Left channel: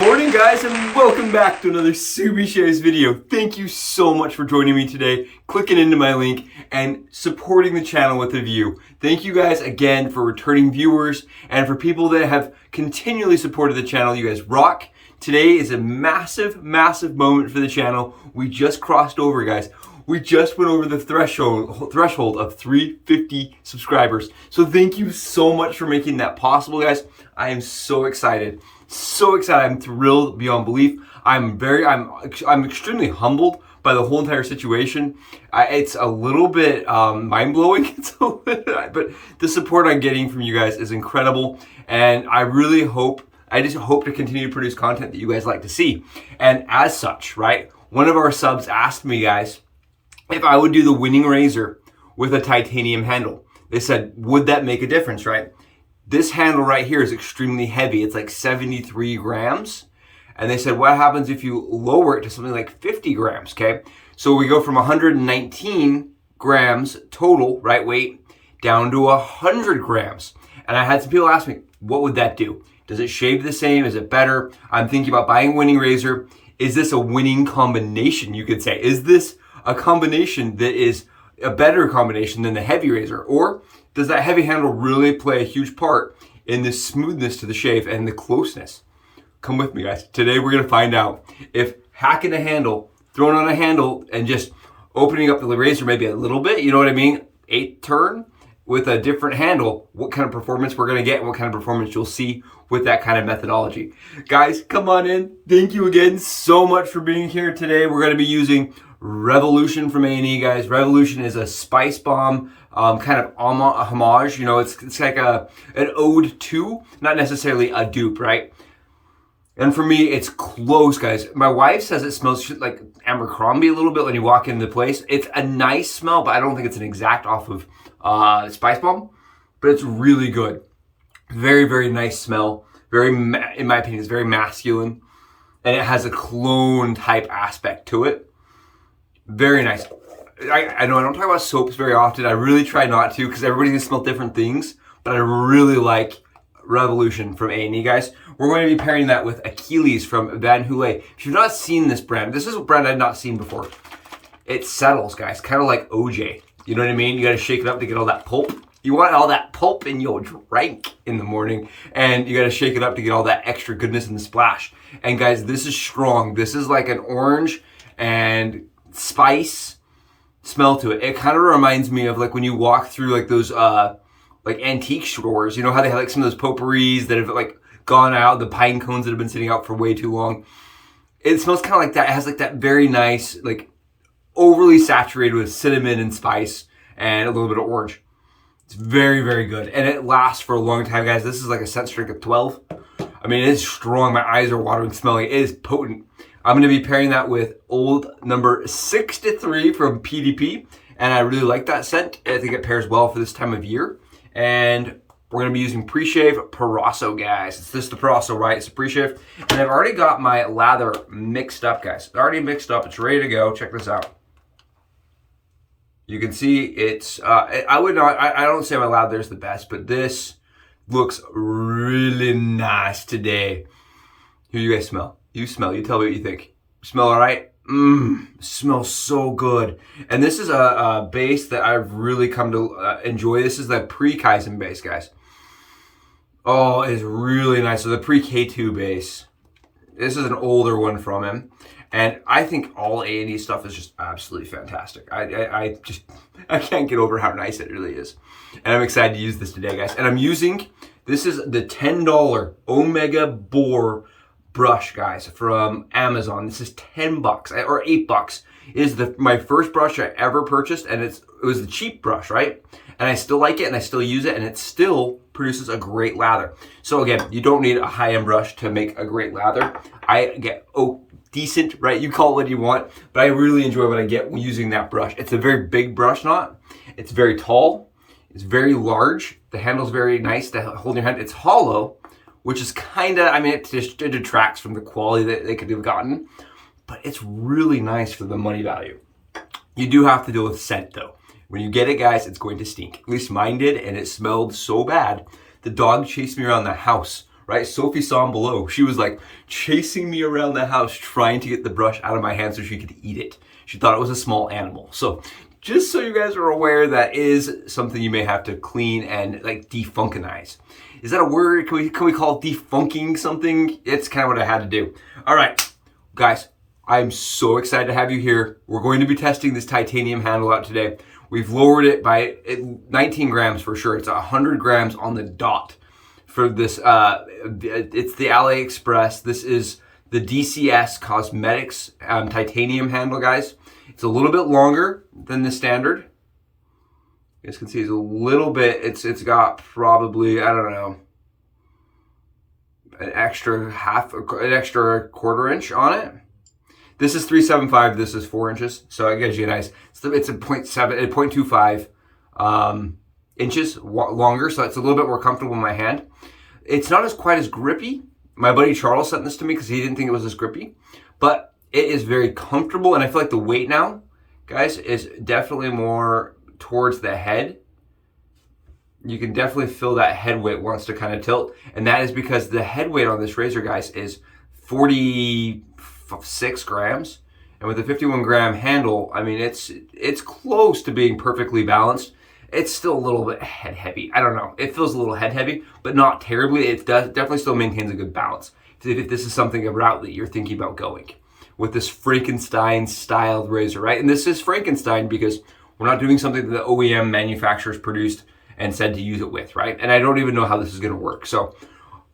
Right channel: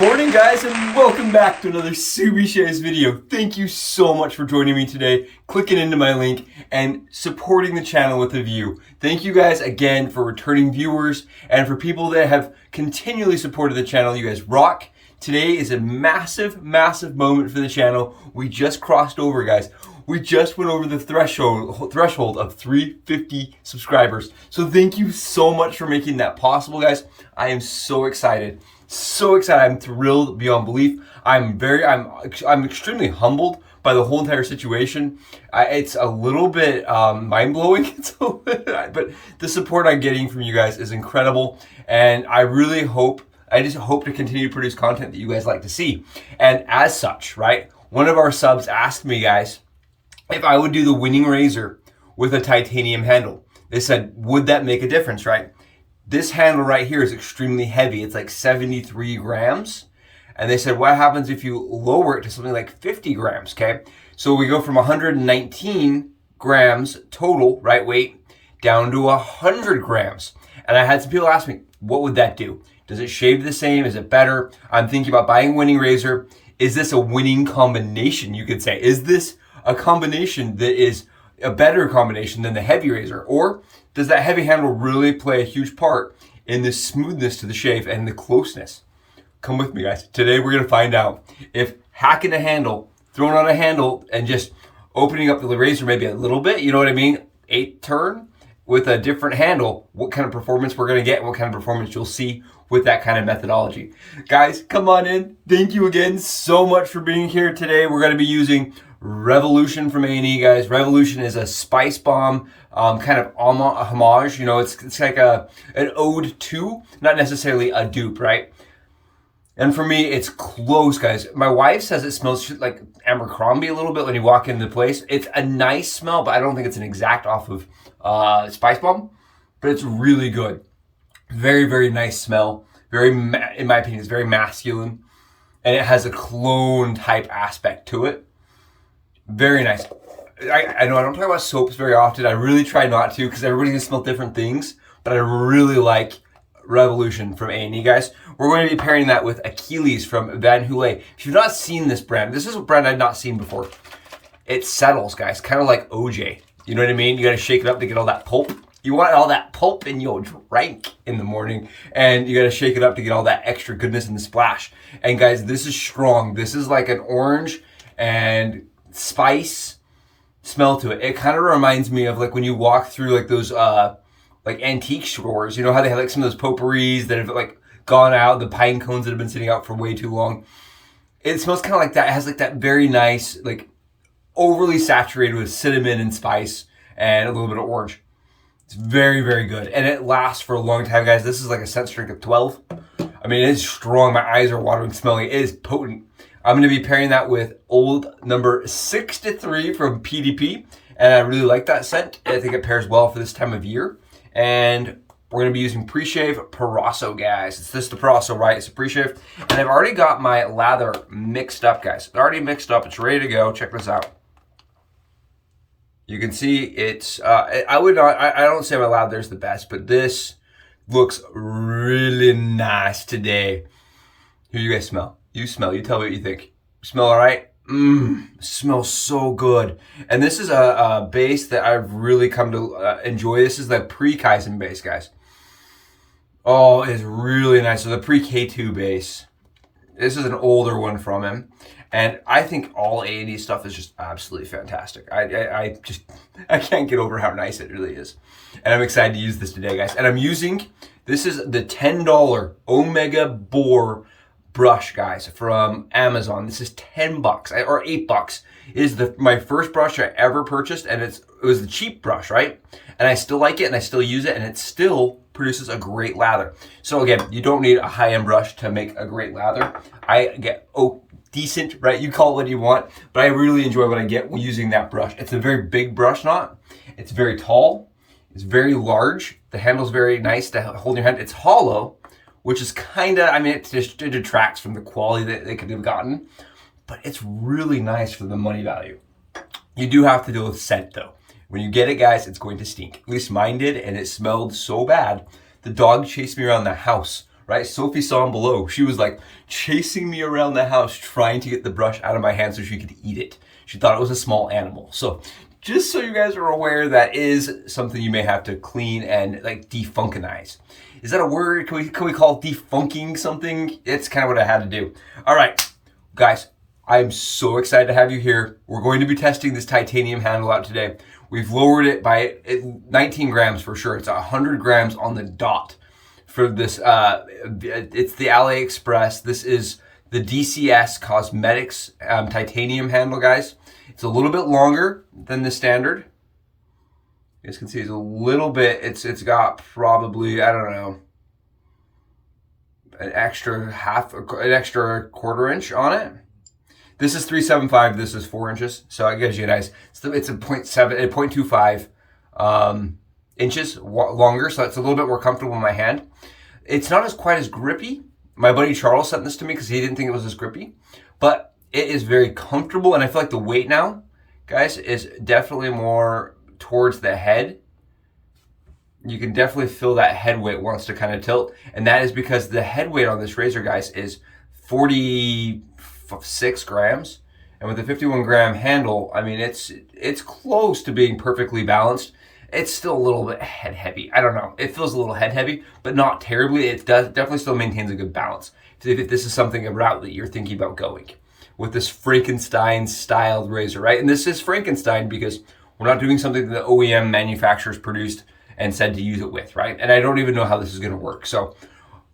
Morning guys, and welcome back to another Subi Shares video. Thank you so much for joining me today, clicking into my link, and supporting the channel with a view. Thank you guys again for returning viewers, and for people that have continually supported the channel. You guys rock. Today is a massive, massive moment for the channel. We just crossed over, guys. We just went over the threshold of 350 subscribers. So thank you so much for making that possible, guys. I am so excited. So excited. I'm thrilled beyond belief. I'm extremely humbled by the whole entire situation. It's a little bit mind-blowing, but the support I'm getting from you guys is incredible, and I just hope to continue to produce content that you guys like to see. And as such, right, one of our subs asked me, guys, if I would do the Winning Razor with a titanium handle. They said, would that make a difference, right? This handle right here is extremely heavy. It's like 73 grams. And they said, what happens if you lower it to something like 50 grams, okay? So we go from 119 grams total, right, weight, down to 100 grams. And I had some people ask me, what would that do? Does it shave the same? Is it better? I'm thinking about buying a Winning Razor. Is this a winning combination, you could say? Is this a combination that is a better combination than the heavy razor? Or does that heavy handle really play a huge part in the smoothness to the shave and the closeness? Come with me, guys. Today we're gonna find out if hacking a handle, throwing on a handle, and just opening up the razor maybe a little bit, you know what I mean? 8 turn with a different handle, what kind of performance we're gonna get and what kind of performance you'll see with that kind of methodology. Guys, come on in. Thank you again so much for being here today. We're gonna be using Revolution from A&E, guys. Revolution is a spice bomb, kind of homage. You know, it's like an ode to, not necessarily a dupe, right? And for me, it's close, guys. My wife says it smells like Abercrombie a little bit when you walk into the place. It's a nice smell, but I don't think it's an exact off of spice bomb. But it's really good. Very, very nice smell. Very, in my opinion, it's very masculine, and it has a cologne type aspect to it. Very nice. I know I don't talk about soaps very often. I really try not to because everybody's gonna smell different things, but I really like Revolution from A&E, guys. We're going to be pairing that with Achilles from Yulay. If you've not seen this brand, this is a brand I've not seen before. It settles, guys, kind of like OJ. You know what I mean? You gotta shake it up to get all that pulp. You want all that pulp in your drink in the morning, and you gotta shake it up to get all that extra goodness in the splash. And guys, this is strong. This is like an orange and spice smell to it. It kind of reminds me of like when you walk through like those like antique stores, you know how they have like some of those potpourris that have like gone out, the pine cones that have been sitting out for way too long. It smells kind of like that. It has like that very nice, like overly saturated with cinnamon and spice and a little bit of orange. It's very, very good, and it lasts for a long time, guys. This is like a scent strength of 12. I mean, it is strong. My eyes are watering smelling it. It is potent. I'm going to be pairing that with old number 63 from PDP, and I really like that scent. I think it pairs well for this time of year. And we're going to be using pre-shave Proraso, guys. It's just the Proraso, right? It's a pre-shave. And I've already got my lather mixed up, guys. It's already mixed up. It's ready to go. Check this out. You can see it's, I don't say my lather is the best, but this looks really nice today. Here, you guys smell. You smell. You tell me what you think. Smell all right? Smells so good. And this is a base that I've really come to enjoy. This is the pre-Kaizen base, guys. Oh, it's really nice. So the pre-K2 base. This is an older one from him. And I think all A&E stuff is just absolutely fantastic. I can't get over how nice it really is. And I'm excited to use this today, guys. And I'm using, this is the $10 Omega Boar brush, guys, from Amazon. This is 10 bucks or 8 bucks. It is my first brush I ever purchased, and it was the cheap brush, right? And I still like it, and I still use it, and it still produces a great lather. So again, you don't need a high-end brush to make a great lather. I get decent, right? You call it what you want, but I really enjoy what I get using that brush. It's a very big brush knot. It's very tall. It's very large. The handle's very nice to hold in your hand. It's hollow, which is kind of, I mean, it detracts from the quality that they could have gotten, but it's really nice for the money value. You do have to deal with scent though. When you get it, guys, it's going to stink. At least mine did, and it smelled so bad. The dog chased me around the house right? Sophie saw him below. She was like chasing me around the house trying to get the brush out of my hand so she could eat it. She thought it was a small animal. So just so you guys are aware, that is something you may have to clean and like defunctionize. Is that a word? Can we call it defunking something? It's kind of what I had to do. All right, guys, I am so excited to have you here. We're going to be testing this titanium handle out today. We've lowered it by 19 grams for sure. It's 100 grams on the dot for this. It's the AliExpress. This is the DCS Cosmetics titanium handle, guys. It's a little bit longer than the standard. You guys can see it's a little bit, it's got probably, I don't know, an extra quarter inch on it. This is 375, this is 4 inches. So it gives you a nice, it's a 0.25 inches longer. So it's a little bit more comfortable in my hand. It's not quite as grippy. My buddy Charles sent this to me because he didn't think it was as grippy, but it is very comfortable. And I feel like the weight now, guys, is definitely more towards the head. You can definitely feel that head weight wants to kind of tilt, and that is because the head weight on this razor, guys, is 46 grams, and with a 51 gram handle, I mean, it's close to being perfectly balanced. It's still a little bit head heavy. I don't know, it feels a little head heavy, but not terribly. It definitely still maintains a good balance. So if this is something, a route that you're thinking about going with this Frankenstein styled razor, right? And this is Frankenstein because we're not doing something that the OEM manufacturers produced and said to use it with, right? And I don't even know how this is gonna work, so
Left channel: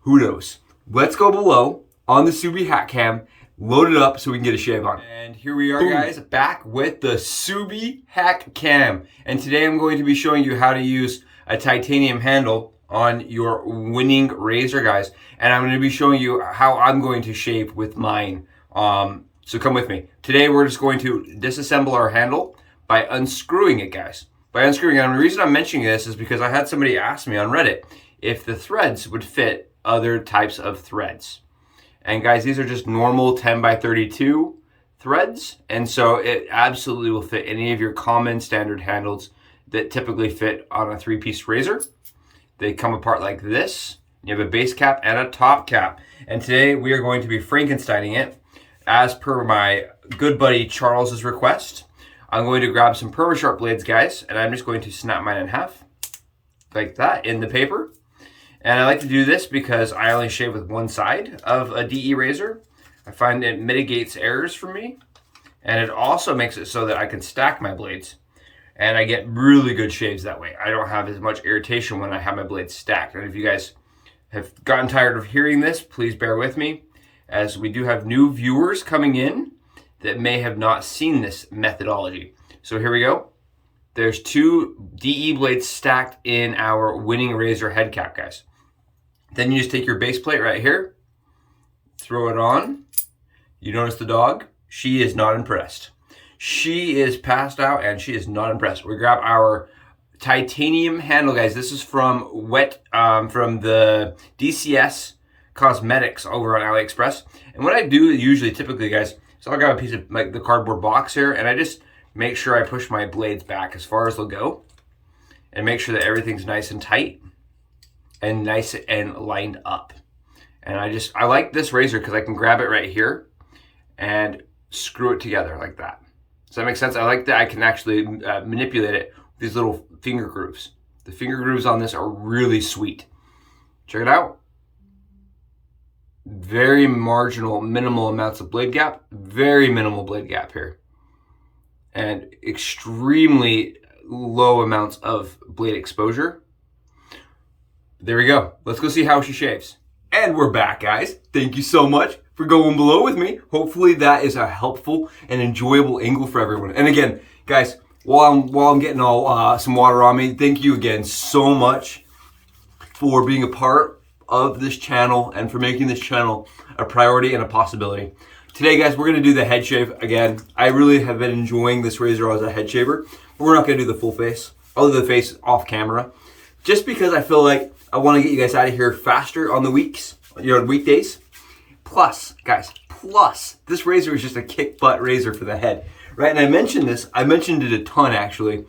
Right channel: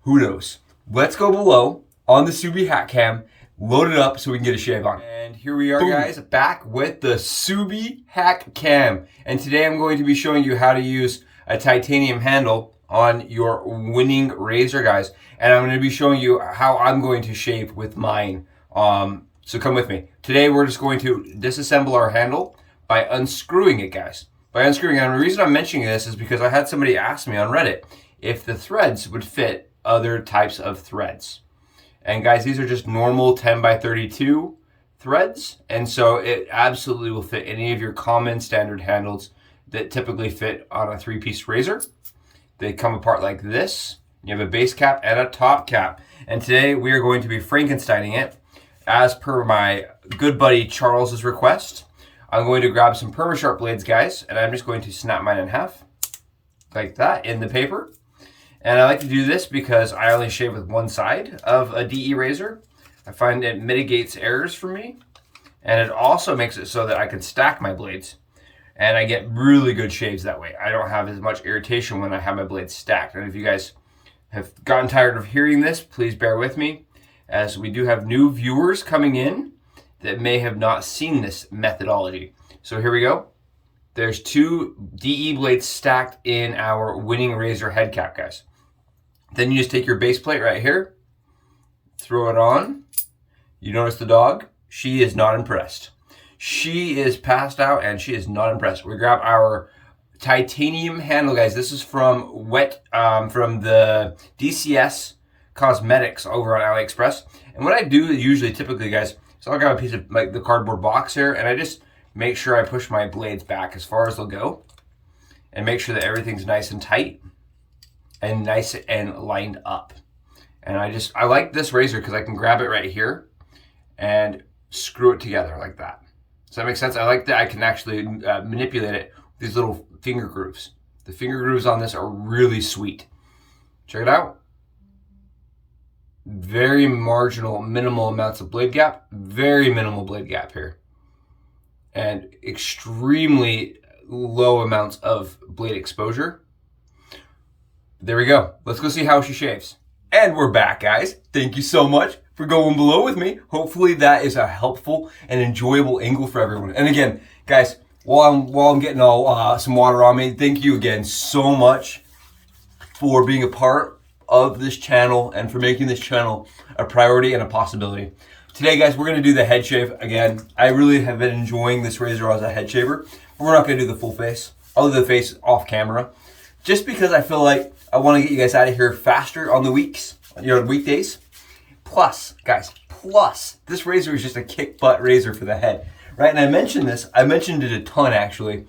who knows? Let's go below on the Subi hat cam, load it up so we can get a shave on. And here we are, guys, back with the Subi hack cam. And today I'm going to be showing you how to use a titanium handle on your Winning Razor, guys. And I'm gonna be showing you how I'm going to shave with mine. So come with me. Today we're just going to disassemble our handle by unscrewing it, guys. By unscrewing it. And the reason I'm mentioning this is because I had somebody ask me on Reddit if the threads would fit other types of threads. And guys, these are just normal 10 by 32 threads. And so it absolutely will fit any of your common standard handles that typically fit on a 3-piece razor. They come apart like this. You have a base cap and a top cap. And today we are going to be Frankensteining it as per my good buddy Charles's request. I'm going to grab some Permasharp blades, guys, and I'm just going to snap mine in half like that in the paper. And I like to do this because I only shave with one side of a DE razor. I find it mitigates errors for me, and it also makes it so that I can stack my blades, and I get really good shaves that way. I don't have as much irritation when I have my blades stacked. And if you guys have gotten tired of hearing this, please bear with me, as we do have new viewers coming in that may have not seen this methodology. So here we go. There's 2 DE blades stacked in our Winning Razor head cap, guys. Then you just take your base plate right here, throw it on. You notice the dog? She is not impressed. She is passed out and she is not impressed. We grab our titanium handle, guys. This is from from the DCS Cosmetics over on AliExpress. And what I do usually, typically, guys, so I'll grab a piece of like the cardboard box here, and I just make sure I push my blades back as far as they'll go, and make sure that everything's nice and tight and nice and lined up. And I like this razor because I can grab it right here and screw it together like that. Does that make sense? I like that I can actually manipulate it with these little finger grooves. The finger grooves on this are really sweet. Check it out. Very marginal, minimal amounts of blade gap. Very minimal blade gap here. And extremely low amounts of blade exposure. There we go. Let's go see how she shaves. And we're back, guys. Thank you so much for going below with me. Hopefully that is a helpful and enjoyable angle for everyone. And again, guys, while I'm getting all some water on me, thank you again so much for being a part of this channel and for making this channel a priority and a possibility. Today, guys, we're gonna do the head shave again. I really have been enjoying this razor as a head shaver, but we're not gonna do the full face. I'll do the face off camera, just because I feel like I wanna get you guys out of here faster on the weekdays. Plus, guys, this razor is just a kick butt razor for the head, right? And I mentioned it a ton actually.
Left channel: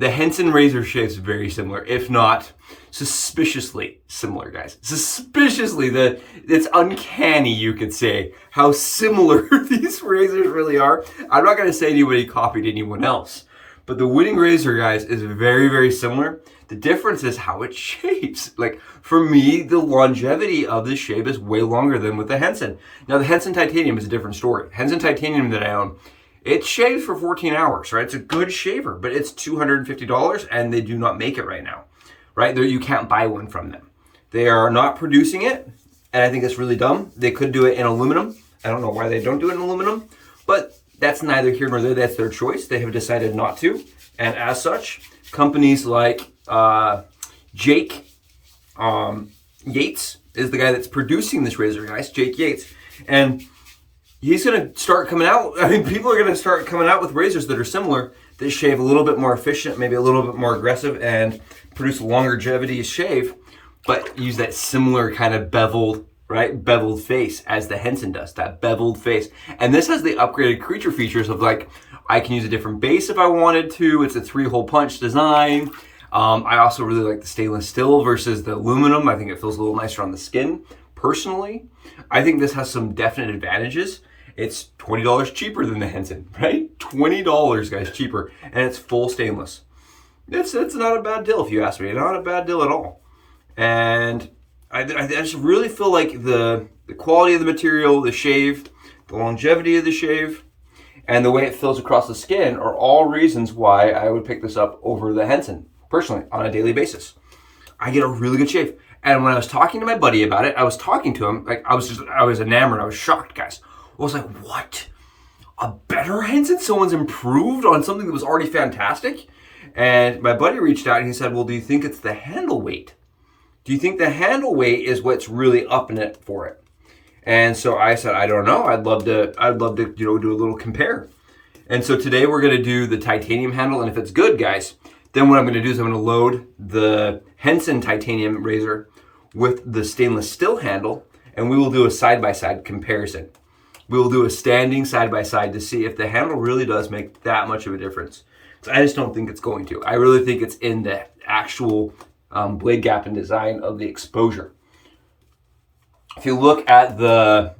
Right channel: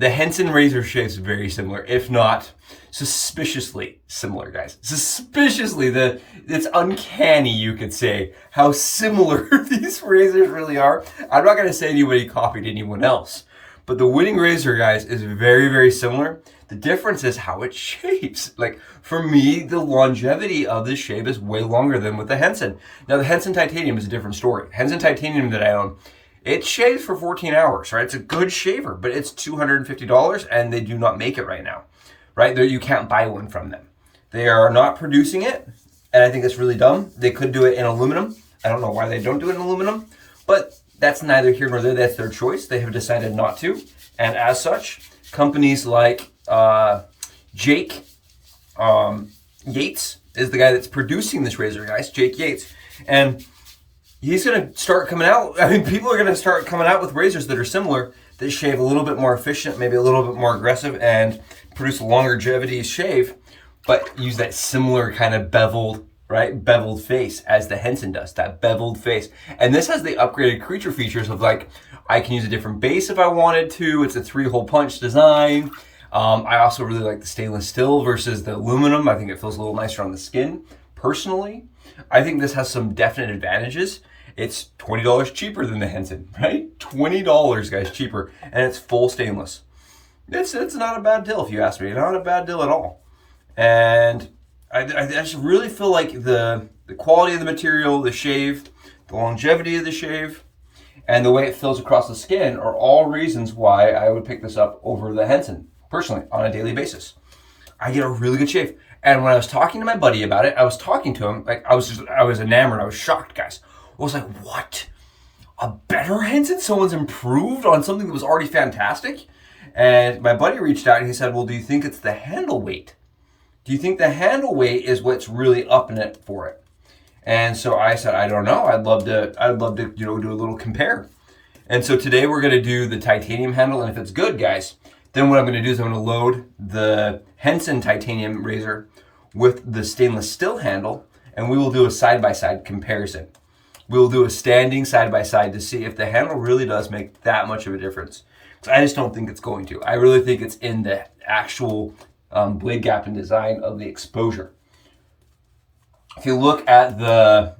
The Henson razor shaves very similar, if not suspiciously similar, guys. Suspiciously, it's uncanny, you could say, how similar these razors really are. I'm not gonna say anybody copied anyone else, but the Winning Razor, guys, is very, very similar. The difference is how it shaves. Like, for me, the longevity of this shave is way longer than with the Henson. Now, the Henson Titanium is a different story. Henson Titanium that I own, it shaves for 14 hours, right? It's a good shaver, but it's $250 and they do not make it right now, right? You can't buy one from them. They are not producing it, and I think that's really dumb. They could do it in aluminum. I don't know why they don't do it in aluminum, but that's neither here nor there. That's their choice. They have decided not to. And as such, companies like Jake Yates is the guy that's producing this razor, guys, Jake Yates. And he's going to start coming out. I mean, people are going to start coming out with razors that are similar, that shave a little bit more efficient, maybe a little bit more aggressive, and produce a longevity shave, but use that similar kind of beveled, right? Beveled face as the Henson does, that beveled face. And this has the upgraded creature features of, like, I can use a different base if I wanted to. It's a 3-hole punch design. I also really like the stainless steel versus the aluminum. I think it feels a little nicer on the skin. Personally, I think this has some definite advantages. It's $20 cheaper than the Henson, right? $20, guys, cheaper. And it's full stainless. It's not a bad deal if you ask me. Not a bad deal at all. And I just really feel like the quality of the material, the shave, the longevity of the shave, and the way it feels across the skin are all reasons why I would pick this up over the Henson, personally, on a daily basis. I get a really good shave. And when I was talking to my buddy about it, I was talking to him, like, I was enamored, I was shocked, guys. I was like, what? A better Henson? Someone's improved on something that was already fantastic? And my buddy reached out and he said, well, do you think it's the handle weight? Do you think the handle weight is what's really upping it for it? And so I said, I don't know. I'd love to, do a little compare. And so today we're going to do the titanium handle. And if it's good, guys, then what I'm going to do is I'm going to load the Henson Titanium razor with the stainless steel handle, and we will do a side-by-side comparison. We will do a standing side-by-side to see if the handle really does make that much of a difference. I just don't think it's going to. I really think it's in the actual blade gap and design of the exposure. If you look at the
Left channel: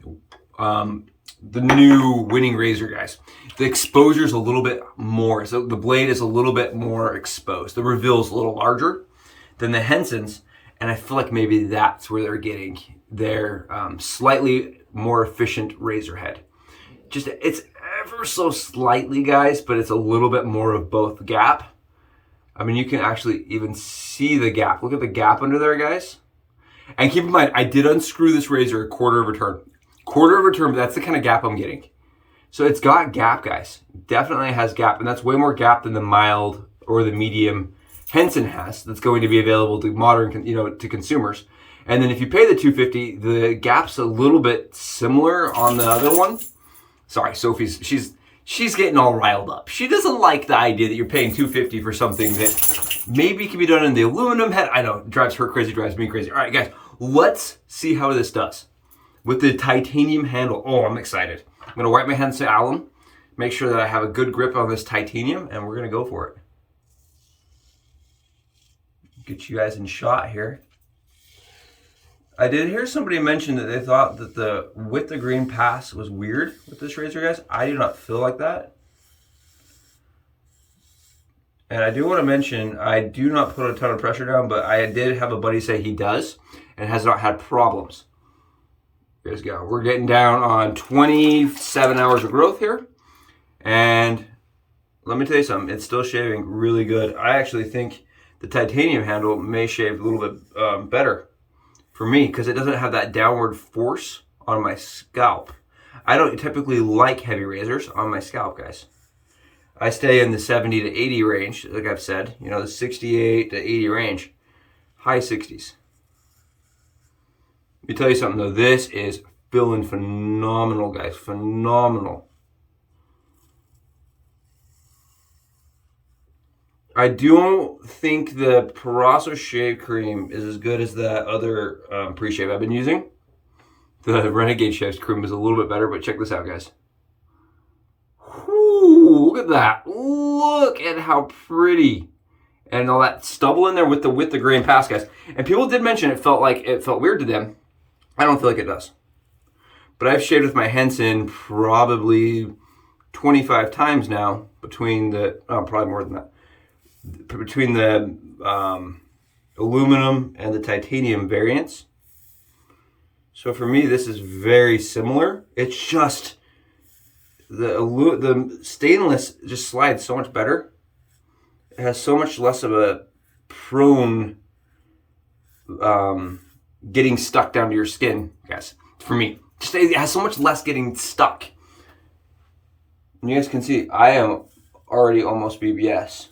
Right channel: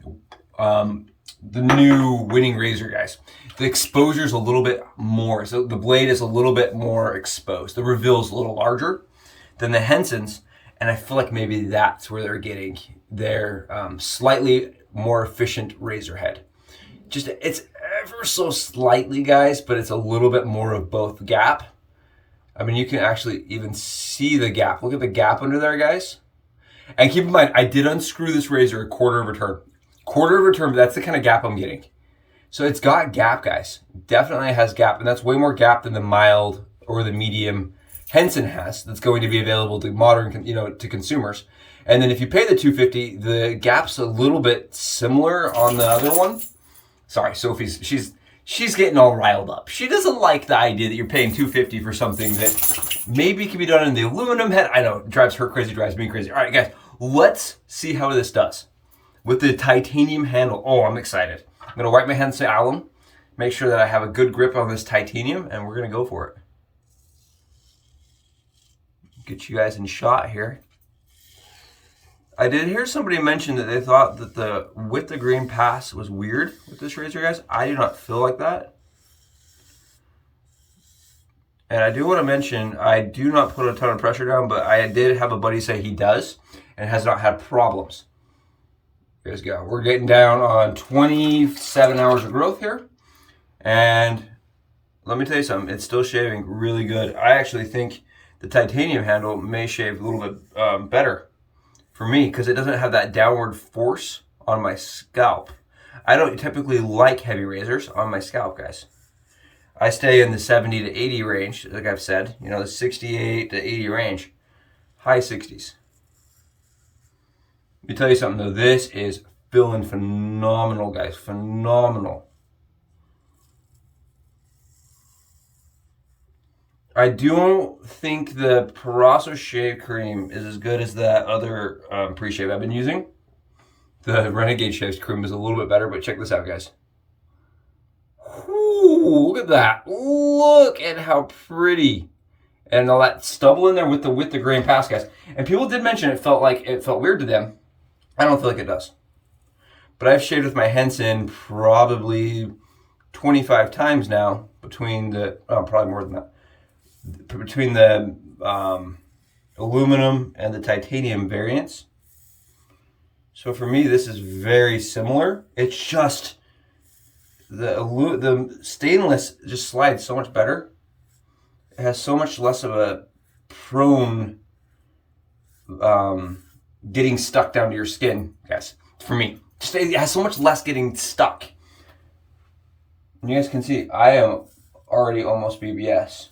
new Winning Razor, guys, the exposure is a little bit more. So the blade is a little bit more exposed. The reveal is a little larger than the Henson's, and I feel like maybe that's where they're getting their slightly more efficient razor head. Just, it's ever so slightly, guys, but it's a little bit more of both gap. I mean, you can actually even see the gap. Look at the gap under there, guys. And keep in mind, I did unscrew this razor a quarter of a turn. Quarter of a turn, but that's the kind of gap I'm getting. So it's got gap, guys. Definitely has gap, and that's way more gap than the mild or the medium Henson has. That's going to be available to modern, to consumers. And then if you pay the $250, the gap's a little bit similar on the other one. Sorry, Sophie's she's getting all riled up. She doesn't like the idea that you're paying $250 for something that maybe can be done in the aluminum head. I know, it drives her crazy, drives me crazy. All right, guys, let's see how this does with the titanium handle. Oh, I'm excited. I'm gonna wipe my hands with alum, make sure that I have a good grip on this titanium, and we're gonna go for it. Get you guys in shot here. I did hear somebody mention that they thought that the with the grain pass was weird with this razor, guys. I do not feel like that. And I do want to mention, I do not put a ton of pressure down, but I did have a buddy say he does and has not had problems. Here we go. We're getting down on 27 hours of growth here. And let me tell you something, it's still shaving really good. I actually think the titanium handle may shave a little bit better for me, because it doesn't have that downward force on my scalp. I don't typically like heavy razors on my scalp, guys. I stay in the 70 to 80 range, like I've said, the 68 to 80 range, high 60s. Let me tell you something though, this is feeling phenomenal, guys, phenomenal. I don't think the Proraso shave cream is as good as that other pre-shave I've been using. The Renegade shave cream is a little bit better, but check this out, guys. Whew, look at that. Look at how pretty and all that stubble in there with the grain pass, guys. And people did mention it felt weird to them. I don't feel like it does. But I've shaved with my Henson probably 25 times now between the, probably more than that, between the aluminum and the titanium variants. So for me, this is very similar. It's just the stainless just slides so much better. It has so much less of a prone getting stuck down to your skin, guys. For me, just it has so much less getting stuck. And you guys can see I am already almost BBS.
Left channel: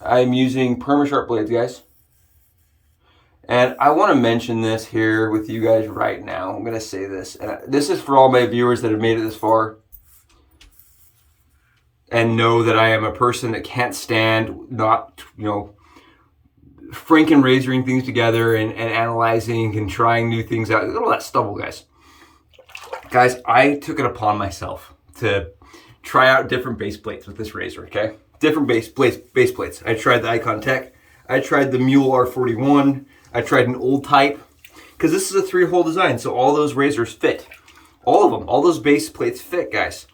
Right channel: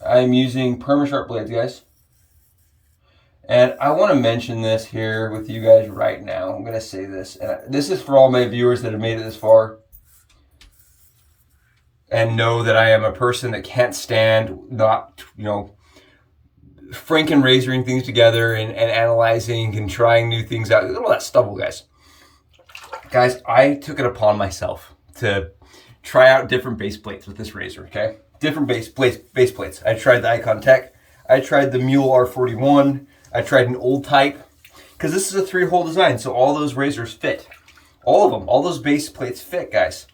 I'm using Permasharp blades, guys. And I want to mention this here with you guys right now. I'm going to say this. And this is for all my viewers that have made it this far and know that I am a person that can't stand not, franken razoring things together and analyzing and trying new things out. Look at all that stubble, guys. Guys, I took it upon myself to try out different base plates with this razor, okay? Different base plates. I tried the Icon Tech. I tried the Mule R41. I tried an old type, because this is a 3-hole design, so all those razors fit. All of them, all those base plates fit, guys.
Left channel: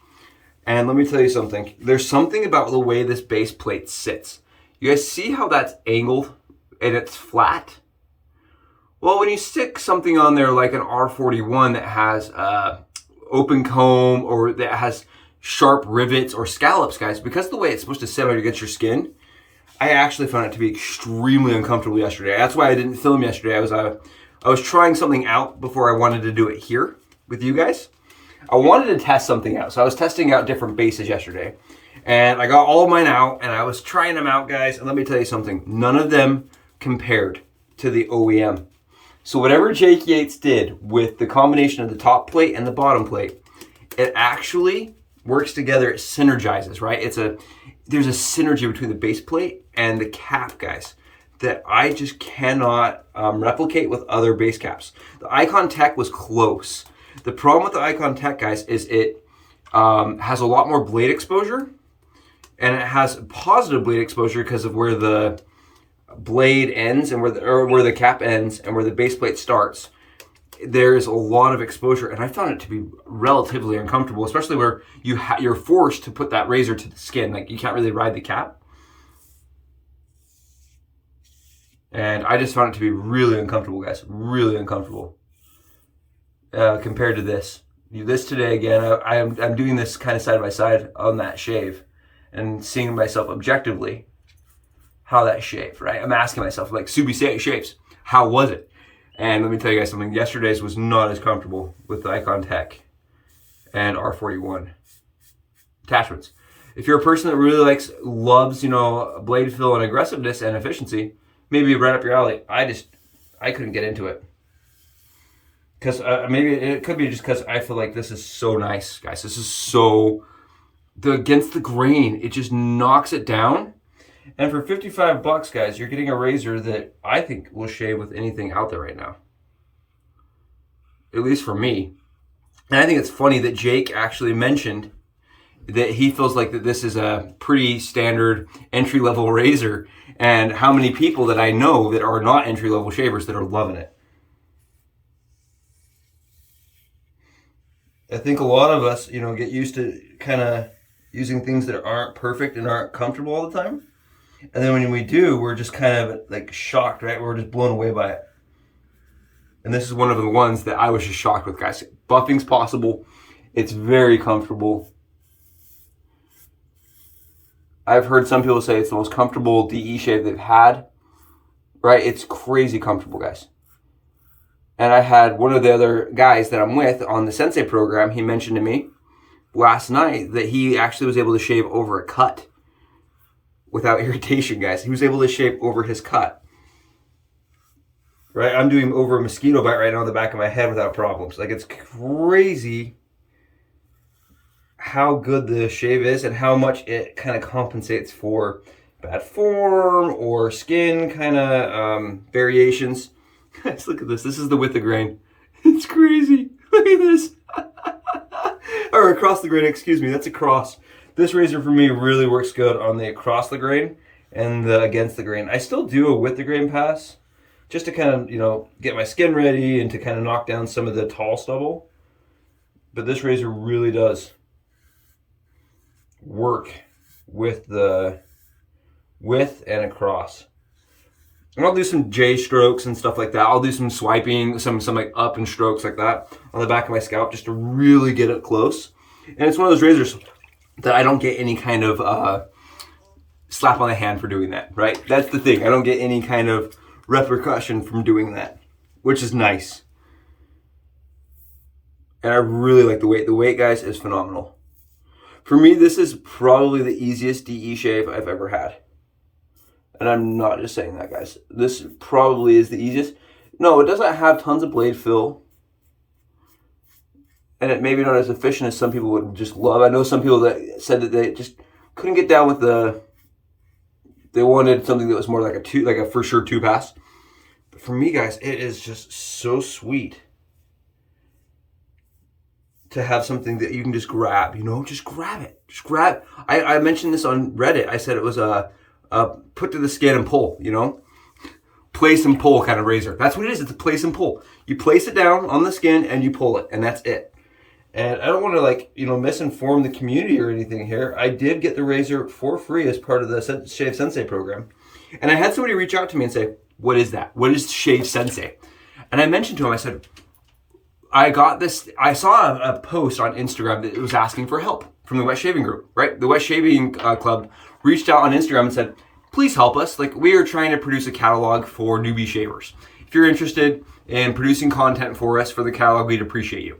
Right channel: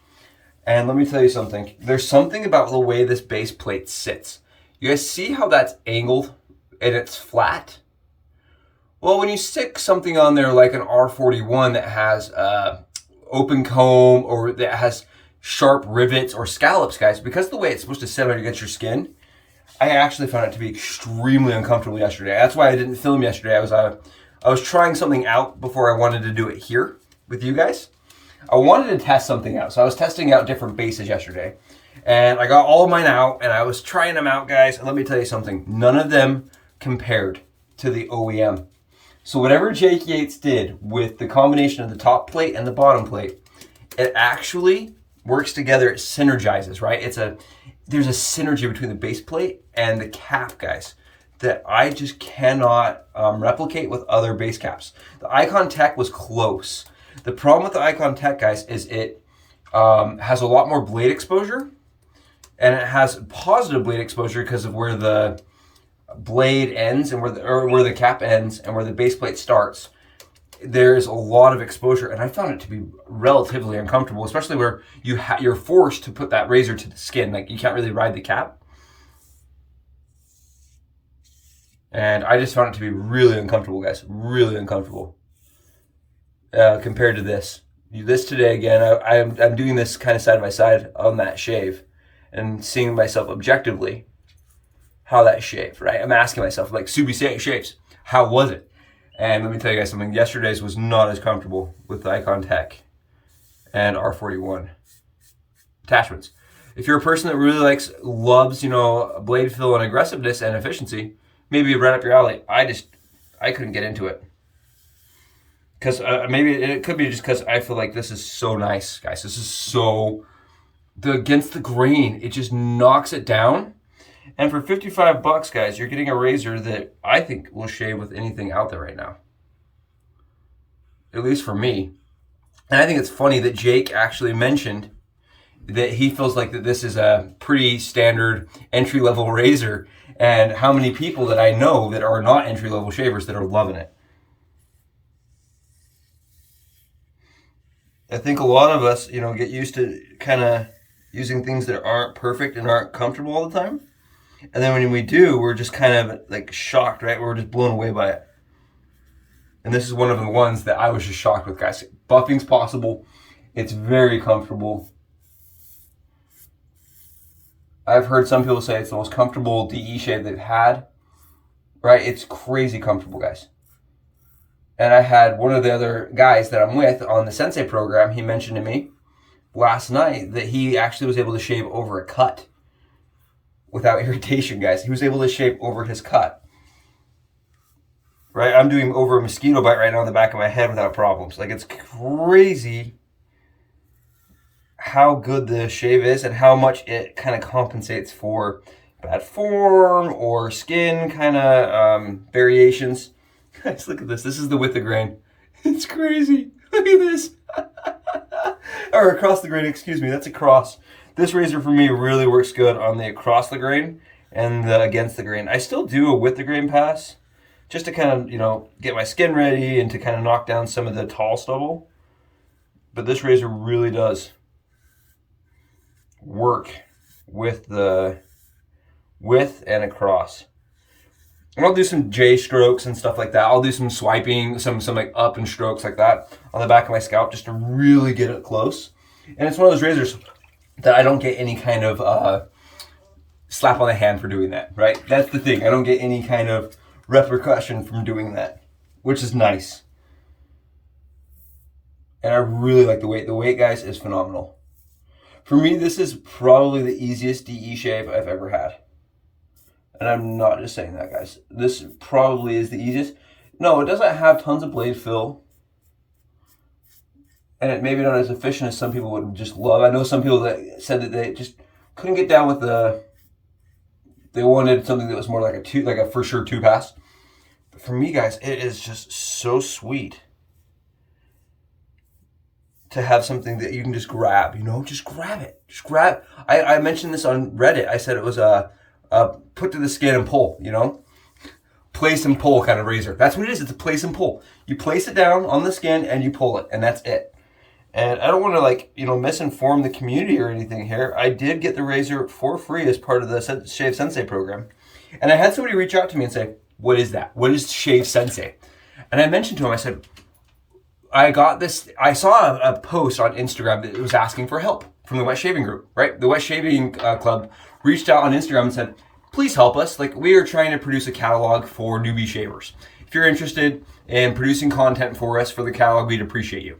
And let me tell you something. There's something about the way this base plate sits. You guys see how that's angled and it's flat? Well, when you stick something on there like an R41 that has open comb or that has sharp rivets or scallops, guys, because of the way it's supposed to sit on against your skin, I actually found it to be extremely uncomfortable yesterday. That's why I didn't film yesterday. I was trying something out before I wanted to do it here with you guys. I wanted to test something out. So I was testing out different bases yesterday. And I got all of mine out and I was trying them out, guys. And let me tell you something. None of them compared to the OEM. So whatever Jake Yates did with the combination of the top plate and the bottom plate, it actually works together. It synergizes, right? There's a synergy between the base plate and the cap, guys, that I just cannot replicate with other base caps. The Icon Tech was close. The problem with the Icon Tech, guys, is it has a lot more blade exposure, and it has positive blade exposure because of where the blade ends and where the cap ends and where the base plate starts. There's a lot of exposure, and I found it to be relatively uncomfortable, especially where you're forced to put that razor to the skin. Like, you can't really ride the cap. And I just found it to be really uncomfortable, guys. Really uncomfortable compared to this. This today, again, I'm doing this kind of side by side on that shave and seeing myself objectively how that shaved, right? I'm asking myself, like, Subi shaves, how was it? And let me tell you guys something. Yesterday's was not as comfortable with the Icon Tech and R41 attachments. If you're a person that really loves, blade fill and aggressiveness and efficiency, maybe right up your alley. I couldn't get into it. Because maybe it could be just because I feel like this is so nice, guys. This is so, against the grain, it just knocks it down. And for 55 bucks, guys, you're getting a razor that I think will shave with anything out there right now. At least for me. And I think it's funny that Jake actually mentioned that he feels like that this is a pretty standard entry-level razor, and how many people that I know that are not entry-level shavers that are loving it. I think a lot of us, get used to kind of using things that aren't perfect and aren't comfortable all the time. And then when we do, we're just kind of like shocked, right? We're just blown away by it. And this is one of the ones that I was just shocked with, guys. Buffing's possible. It's very comfortable. I've heard some people say it's the most comfortable DE shave they've had, right? It's crazy comfortable, guys. And I had one of the other guys that I'm with on the Sensei program, he mentioned to me last night that he actually was able to shave over a cut without irritation, guys. He was able to shave over his cut. Right? I'm doing over a mosquito bite right now on the back of my head without problems. Like, it's crazy how good the shave is and how much it kind of compensates for bad form or skin kind of variations. Guys, look at this. This is the width of grain. It's crazy. Look at this. Or across the grain, excuse me. That's across. This razor for me really works good on the across the grain, and the against the grain. I still do a with the grain pass just to kind of, you know, get my skin ready and to kind of knock down some of the tall stubble. But this razor really does work with the width and across. And I'll do some J strokes and stuff like that. I'll do some swiping, some like up and strokes like that on the back of my scalp just to really get it close. And it's one of those razors that I don't get any kind of slap on the hand for doing that, right? That's the thing. I don't get any kind of repercussion from doing that, which is nice. And I really like the weight. The weight, guys, is phenomenal. For me, this is probably the easiest DE shave I've ever had. And I'm not just saying that, guys. This probably is the easiest. No, it doesn't have tons of blade fill. And it maybe not as efficient as some people would just love. I know some people that said that they just couldn't get down with they wanted something that was more like a for sure 2-pass. But for me, guys, it is just so sweet to have something that you can just grab, you know, just grab it. Just grab. I mentioned this on Reddit. I said it was a put to the skin and pull, you know, place and pull kind of razor. That's what it is. It's a place and pull. You place it down on the skin and you pull it, and that's it. And I don't want to, like, you know, misinform the community or anything here. I did get the razor for free as part of the Shave Sensei program. And I had somebody reach out to me and say, what is that? What is Shave Sensei? And I mentioned to him, I said, I got this, I saw a post on Instagram that was asking for help from the Wetshaving group, right? The Wetshaving club reached out on Instagram and said, please help us. Like, we are trying to produce a catalog for newbie shavers. If you're interested in producing content for us for the catalog, we'd appreciate you.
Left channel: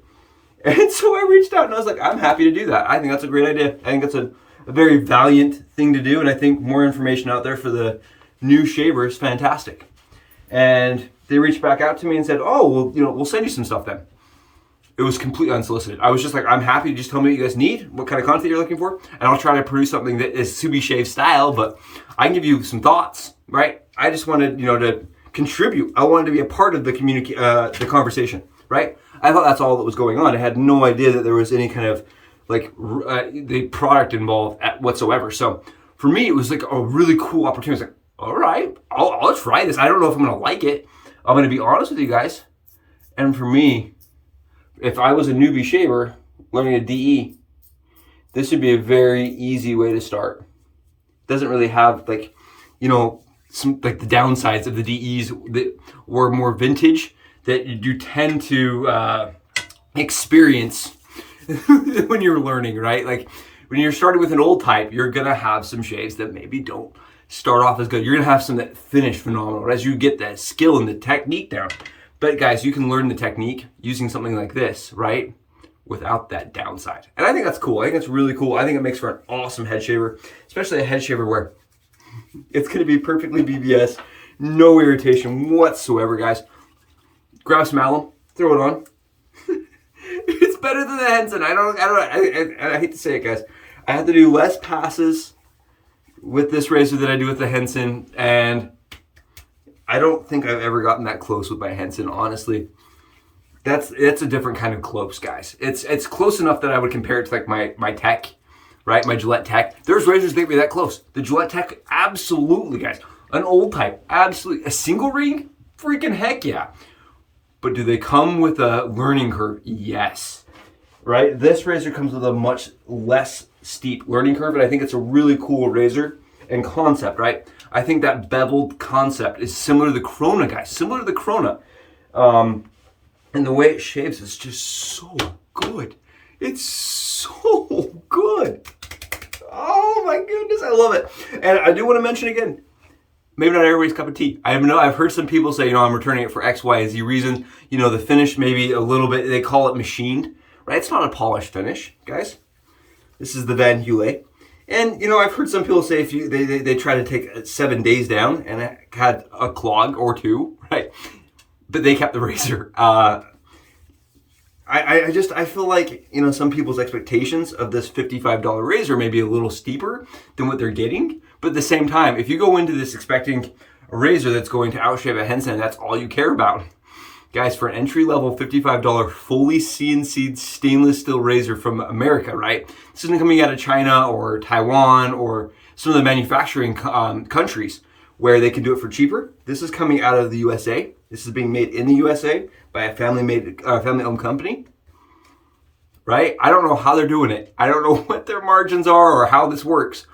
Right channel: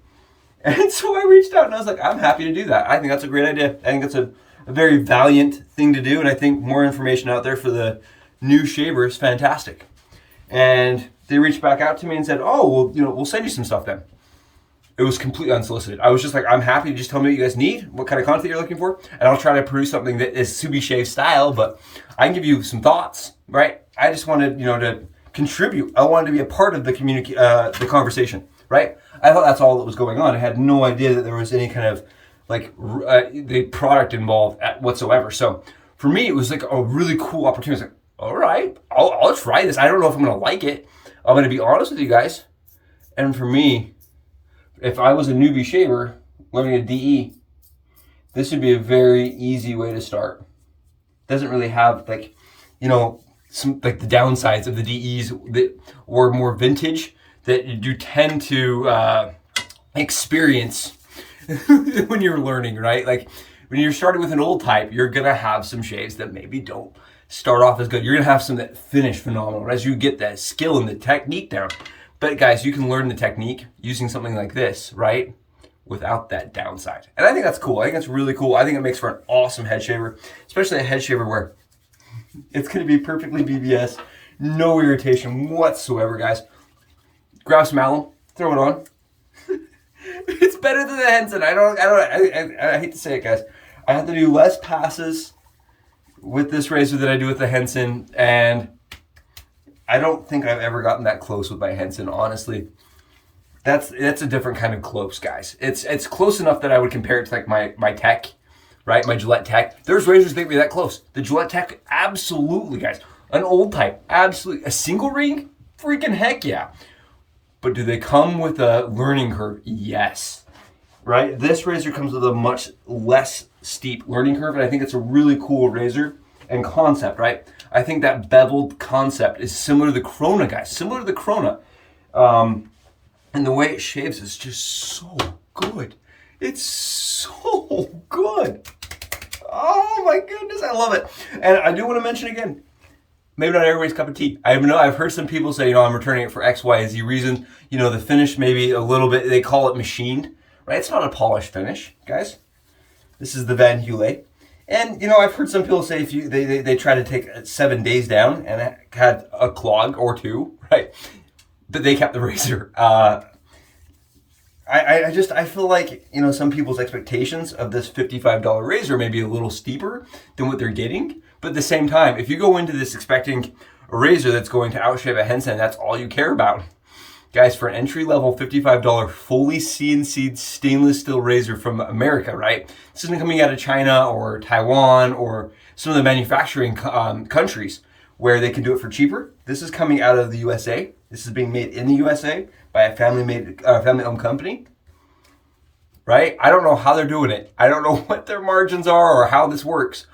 And so I reached out and I was like, I'm happy to do that. I think that's a great idea. I think that's a very valiant thing to do. And I think more information out there for the new shaver is fantastic. And they reached back out to me and said, oh, well, you know, we'll send you some stuff then. It was completely unsolicited. I was just like, I'm happy to just tell me what you guys need, what kind of content you're looking for, and I'll try to produce something that is Subi Shave style, but I can give you some thoughts, right? I just wanted, you know, to contribute. I wanted to be a part of the the conversation, right? I thought that's all that was going on. I had no idea that there was any kind of like the product involved whatsoever. So for me, it was like a really cool opportunity. I was like, all right, I'll try this. I don't know if I'm gonna like it. I'm gonna be honest with you guys. And for me, if I was a newbie shaver learning a DE, this would be a very easy way to start. Doesn't really have, like, you know, some like the downsides of the DEs that were more vintage that you tend to experience when you're learning, right? Like when you're starting with an old type, you're gonna have some shaves that maybe don't start off as good. You're gonna have some that finish phenomenal as you get that skill and the technique down. But guys, you can learn the technique using something like this, right? Without that downside. And I think that's cool. I think that's really cool. I think it makes for an awesome head shaver, especially a head shaver where it's gonna be perfectly BBS, no irritation whatsoever, guys. Grab some alum, throw it on. It's better than the Henson. I hate to say it, guys. I have to do less passes with this razor than I do with the Henson, and I don't think I've ever gotten that close with my Henson, honestly. That's a different kind of close, guys. It's close enough that I would compare it to like my Tech, right? My Gillette Tech. There's razors that get me that close. The Gillette Tech, absolutely, guys. An old type, absolutely. A single ring, freaking heck yeah. But do they come with a learning curve? Yes, right? This razor comes with a much less steep learning curve, and I think it's a really cool razor and concept, right? I think that beveled concept is similar to the Corona, guys. Similar to the Corona. And the way it shaves is just so good. It's so good. Oh my goodness, I love it. And I do want to mention again, maybe not everybody's cup of tea. I've heard some people say, you know, I'm returning it for X, Y, and Z reasons. You know, the finish maybe a little bit, they call it machined, right? It's not a polished finish, guys. This is the Van Yulay. And, you know, I've heard some people say if you they try to take 7 days down and it had a clog or two, right? But they kept the razor. I feel like, you know, some people's expectations of this $55 razor may be a little steeper than what they're getting. But at the same time, if you go into this expecting a razor that's going to outshave a Henson, that's all you care about. Guys, for an entry-level $55 fully CNC'd stainless steel razor from America, right? This isn't coming out of China or Taiwan or some of the manufacturing countries where they can do it for cheaper. This is coming out of the USA. This is being made in the USA by a family-owned company, right? I don't know how they're doing it. I don't know what their margins are or how this works,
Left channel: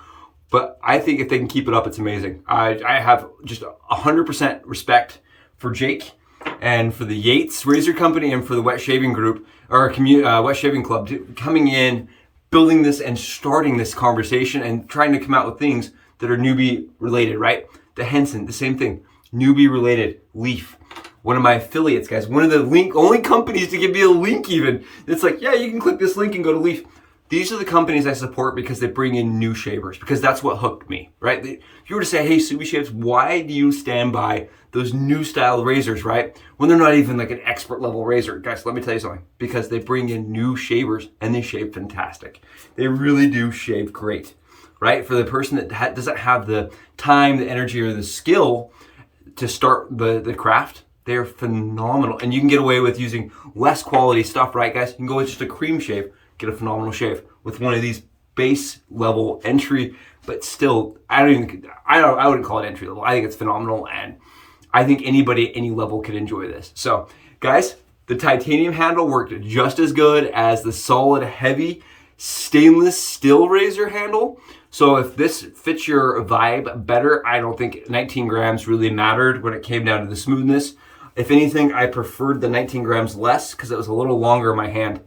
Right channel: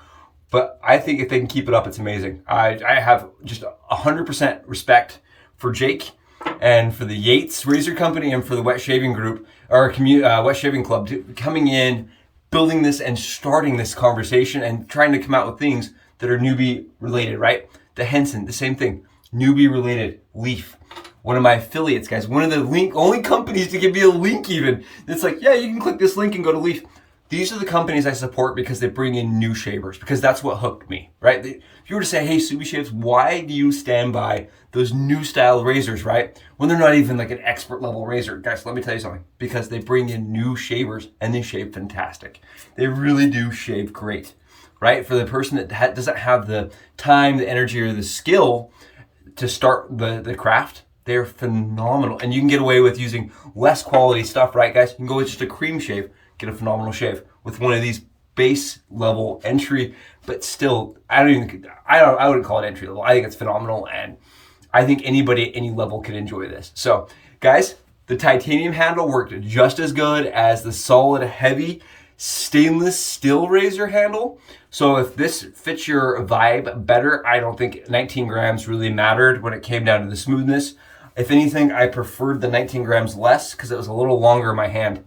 but I think if they can keep it up, it's amazing. I have just 100% respect for Jake and for the Yates Razor Company and for the Wetshaving group, or Wetshaving Club, coming in, building this and starting this conversation and trying to come out with things that are newbie related, right? The Henson, the same thing, newbie related. Leaf, one of my affiliates, guys, one of the only companies to give me a link even. It's like, yeah, you can click this link and go to Leaf. These are the companies I support because they bring in new shavers, because that's what hooked me, right? If you were to say, hey, Subi Shaves, why do you stand by those new style razors, right? When they're not even like an expert level razor. Guys, let me tell you something. Because they bring in new shavers and they shave fantastic. They really do shave great, right? For the person that doesn't have the time, the energy, or the skill to start the craft, they're phenomenal. And you can get away with using less quality stuff, right, guys? You can go with just a cream shave, get a phenomenal shave with one of these base level entry, but still, I wouldn't call it entry level. I think it's phenomenal, and I think anybody at any level could enjoy this. So, guys, the titanium handle worked just as good as the solid, heavy stainless steel razor handle. So if this fits your vibe better, I don't think 19 grams really mattered when it came down to the smoothness. If anything, I preferred the 19 grams less because it was a little longer in my hand.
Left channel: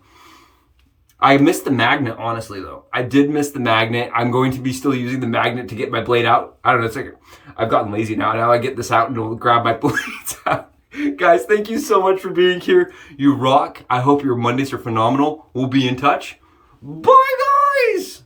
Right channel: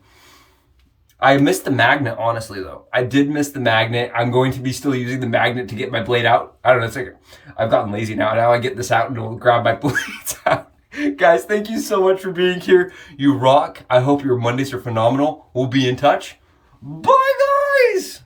I missed the magnet, honestly, though. I did miss the magnet. I'm going to be still using the magnet to get my blade out. I don't know, it's like I've gotten lazy now. Now I get this out and will grab my blades out. Guys, thank you so much for being here. You rock. I hope your Mondays are phenomenal. We'll be in touch. Bye, guys!